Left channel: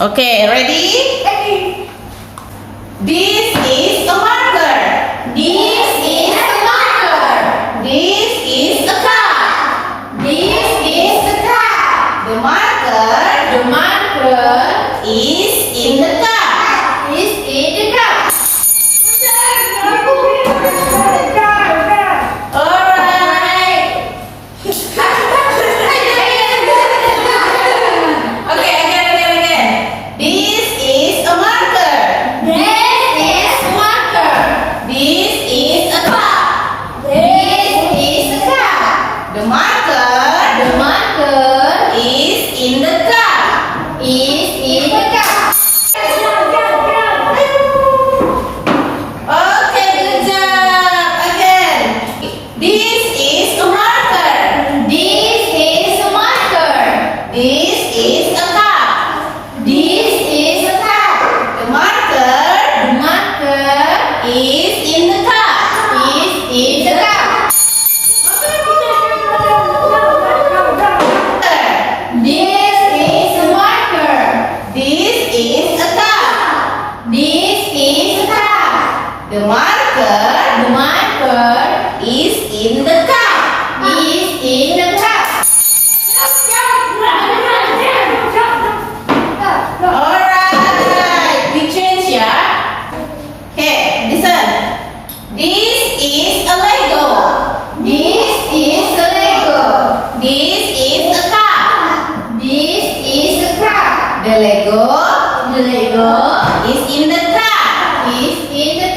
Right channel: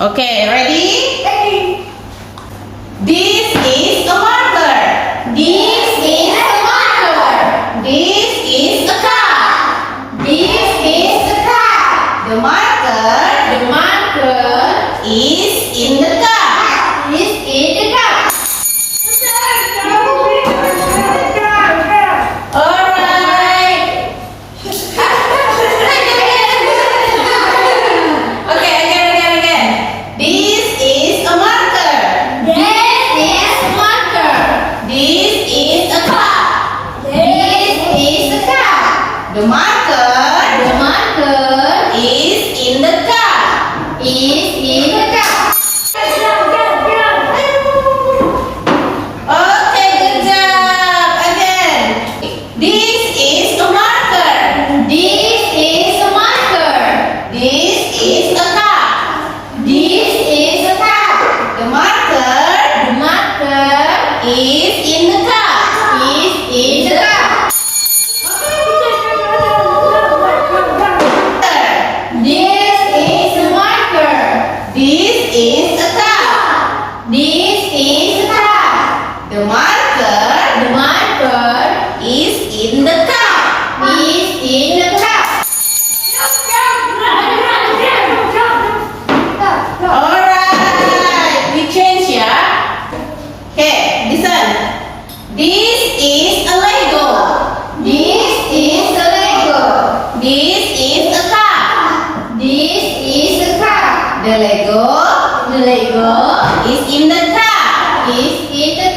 Okay, ready? This is a marker. This is a marker. This is a car. This is a car. The marker The marker is in the car. is in the car. Alright. Okay, again. This is a marker. This is a marker. This is a car. This is a car. The marker The marker is in the car. is in the car. Okay, good job. Again. This is a marker. This is a marker. This is a car. This is a car. The marker The marker is in the car. is in the car. This is a marker. This is a car. This is a car. The marker The marker is in the car. is in the car. Alright, we change ya. Okay, listen. This is a Lego. This is a Lego. This is a car. This is a car. The Lego The Lego is in the car. is in the